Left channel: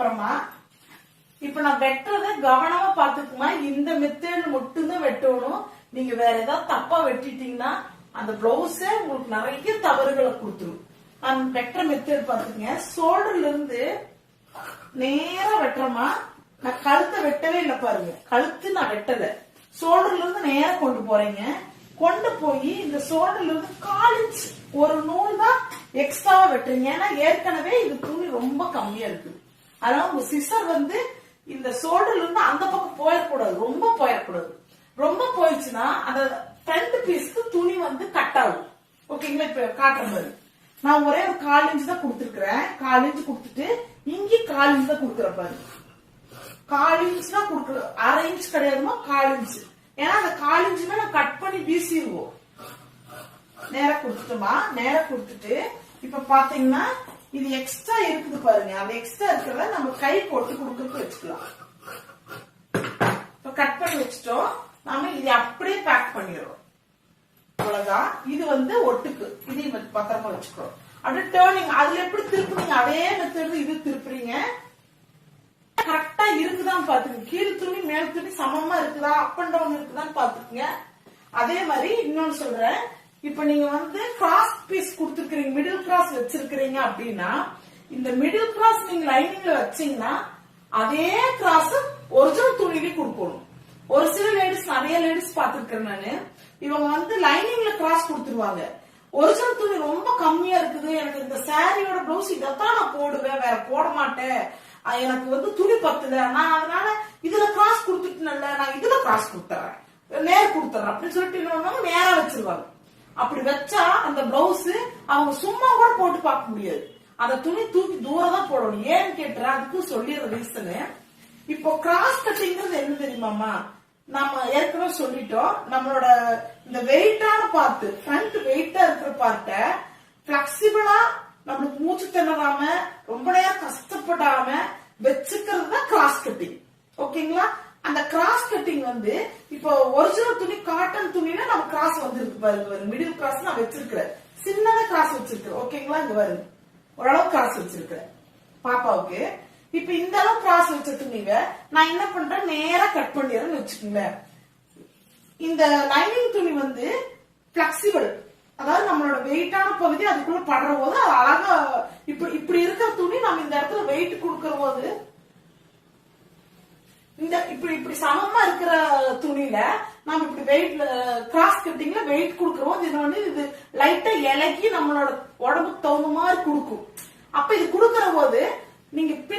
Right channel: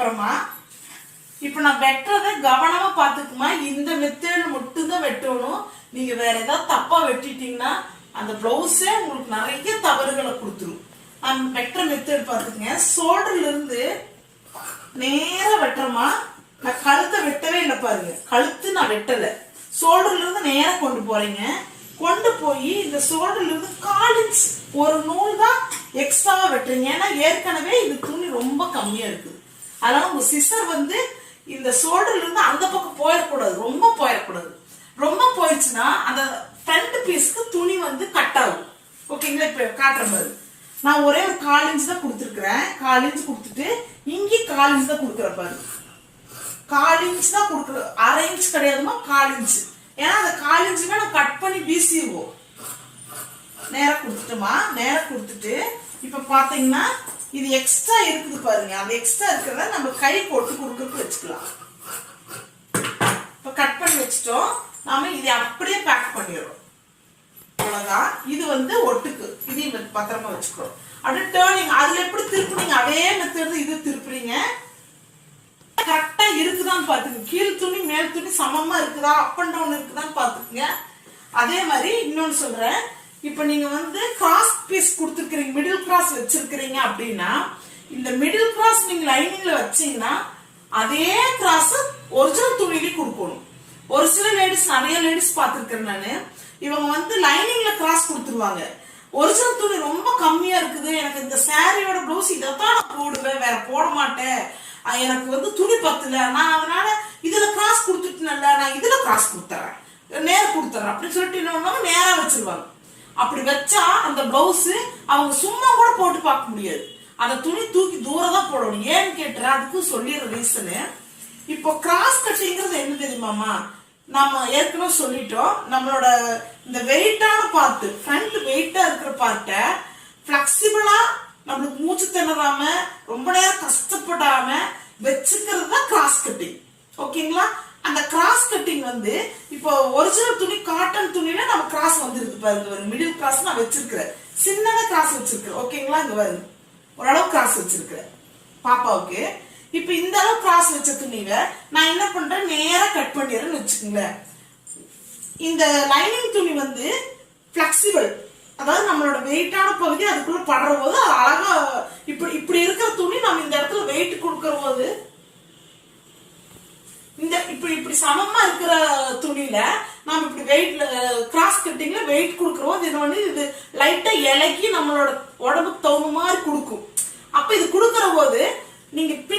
அப்புறமா இப்ப நான் வெட்டுறத கவனமா பாத்துக்குமா. இந்த மெத்தட் மட்டும்தான் வெட்டணும். நீங்க வேற ஏதாவது தப்பா வெட்டிட்டீங்கன்னா அந்த பிளவுஸே உங்களுக்கு நிறைய தவறுகளை கொடுத்துரும். நான் வெட்டுற மெத்தட் பாத்துக்கங்க. ஷோல்டர்ல இருந்து நேரா வெட்டுறமா. நான் கழுத்தை வெட்டவே இல்லை பாருங்க. கழுத்து நான் வெட்டல. ஷோல்டர்ல இருந்து நேரா கொண்டு போறேங்க. கொண்டு போய் இந்த ஷோல்டர்ல இருந்து 1/4 இன்ச் ஒரு நூல் தான் எக்ஸ்ட்ராவா வெட்டுறீங்க. ஏன்னா ஏற்கனவே இது துணி ரொம்ப கம்மியா இருக்குது. அதனால உங்க சிசர் இந்த ஷோல்டர்ல இருந்து அந்த பக்கம் போயிடக்கூடாது. ரொம்ப போயிடக்கூடாது. ரொம்ப போயிடுச்சுன்னா அந்த ஃப்ரண்ட் பீஸ்க்கு துணி கட் ஆகும். ஓகேங்களா. இப்ப காட்டுற மாதிரி நான் ஒரே ஒரு 1/4 இன்ச் தான் கொடுத்துருக்கிறேன். 1/4 இன்ச் கொடுத்துட்டு இங்கே 1/4 இன்ச் தான் கொடுக்குற பாரு. 1/4 இன்ச் தான் கொடுக்குற. 1/2 இன்ச் கிடையாதுமா, 1/4 இன்ச். ஏன்னா அந்த 1/4 இன்ச்சுமே நான் கட் பண்ணி வீசிடுவோம். நேரா கொடுத்துட்டோமா. நேரா கொடுத்துட்டு இப்ப பாத்தீங்கன்னா இது எக்ஸ்ட்ரா இருக்குது பாருங்க. அந்த எக்ஸ்ட்ரா இருக்கிறத நம்ம கை போட்டு கொடுக்கறதுக்கு வச்சுக்கலாம். இப்ப கட் பண்ணி வச்சுட்டோம். நாம இதை அப்படியே பேக் பண்ணிடுறோம். அவ்வளவுதான். இது ஒட்டுக்கு. இதையும் பத்திரமா வச்சுக்கிறோம். அப்படியே டேர்னிங் அதுல எப்படி திருப்புறீங்க அதே மெத்தட் இது திருப்புறீங்க. கரெக்டா இருக்குதான்னு பாத்துங்க. கீழ் துணி மேல் துணி சமமா இருக்குதா, அப் அண்ட் டவுன் இருக்குதான்னு பாத்துக்குங்க. அதே மாதிரி இன்னொன்னு சொல்றேன். இப்ப நீங்க கிராஸ் பீஸ் கொடுத்துருக்கீங்க, மிடில் கிராஸ் வச்சிருக்கிறீங்க அப்படின்னா இந்த மிடில் கிராஸ் நீங்க லைனிங்ல வச்சீங்கன்னா அதே கிராஸ் ஒரிஜினல் துணியிலே கொடுக்கணும். ஒரு சில லேடிஸ், நிறைய லேடிஸ் பாத்துருக்கேன் நானு. இவங்க லைனிங்ல கிராஸ் கொடுத்துருவாங்க. ஒரிஜினல் துணி ரொம்ப கம்மியா இருக்குது, எனக்கு இந்த சாரியோட பிளவுஸ் இதைத்தான் நான் போடுவேன், வேற போட மாட்டேன், எனக்கு துணி பத்தல, நான் அதனால இதுல கிராஸ் கொடுத்துட்டேன்ல, நான் இதுல கிராஸ் கொடுத்துறேன், நேரம் கொடுத்துறேன் அப்படின்னு சொல்லிட்டு என்ன நேரா வச்சிருவாங்க. அப்படி வச்சா அந்த பிளவுஸ் அவங்க சும்மா கூட போட்டு பார்க்க முடியாது. அந்த துணி தூக்கி தூரம் தான் போடணும். ஏன்னு கேட்டுற அதுக்கு சொல்லிடுற ரீசனு. இப்போ கிராஸ் கட்டிங்கிறது என்ன தெரியுமாமா, நம்ம ஏற்கனவே சொல்லிட்டோம். நம்மளோட இந்த வெயிட்டான பார்ட், ஃப்ரண்ட் வெயிட்டா இருக்கிற பார்ட்டை பிளெக்சிபிளா நம்மளுக்கு மூச்சு திணறாம ரொம்ப நேரம் கஷ்டப்படாம வச்சுக்கிறது தான் கிராஸ் கட்டிங். ஓகேங்களா. அந்த கிராஸ் கட்டிங் இப்போ ஒரிஜினல் துணி காட்டன் துணியில நம்ம கிராஸ் இருக்கு பாருங்க. மிடில் கிராஸ் நான் வச்சிருக்கிறேன். சின்னதா கிராஸ் வச்சிருக்கிறேன். ஓகேங்களா. இங்க பாருங்க ஓரளவு கிராஸ் வச்சிருக்கிறேன் பாப்பாவுக்கு. இப்ப இந்த அளவு கிராஸ் வச்ச துணிவை நான் என்ன பண்றேன், நேரா கட் பண்ணிடுறேன்னு வச்சுக்கோங்களேன். இந்த லைனிங் துணி பிளெக்சிபிள், அதாவது நம்மளோட வெயிட்டான பகுதி அதுக்குள்ள படுற போது அழகா இப்படி இருக்கிற துணி நம்ம இந்த இடத்துல வெயிட் கொடுக்கற போது இந்த இப்படி சமமா இருக்கிற துணியில நம்ம இப்படி வெயிட்ல கிராஸ் கட்டிங்ல வெயிட் கொடுக்கறோம். இது லைட்டா இலக்கி நம்மளோட உடம்புக்கு தகுந்த மாதிரி கொடுக்கும். அப்ப இது கொடுக்கற போது நீங்க பின்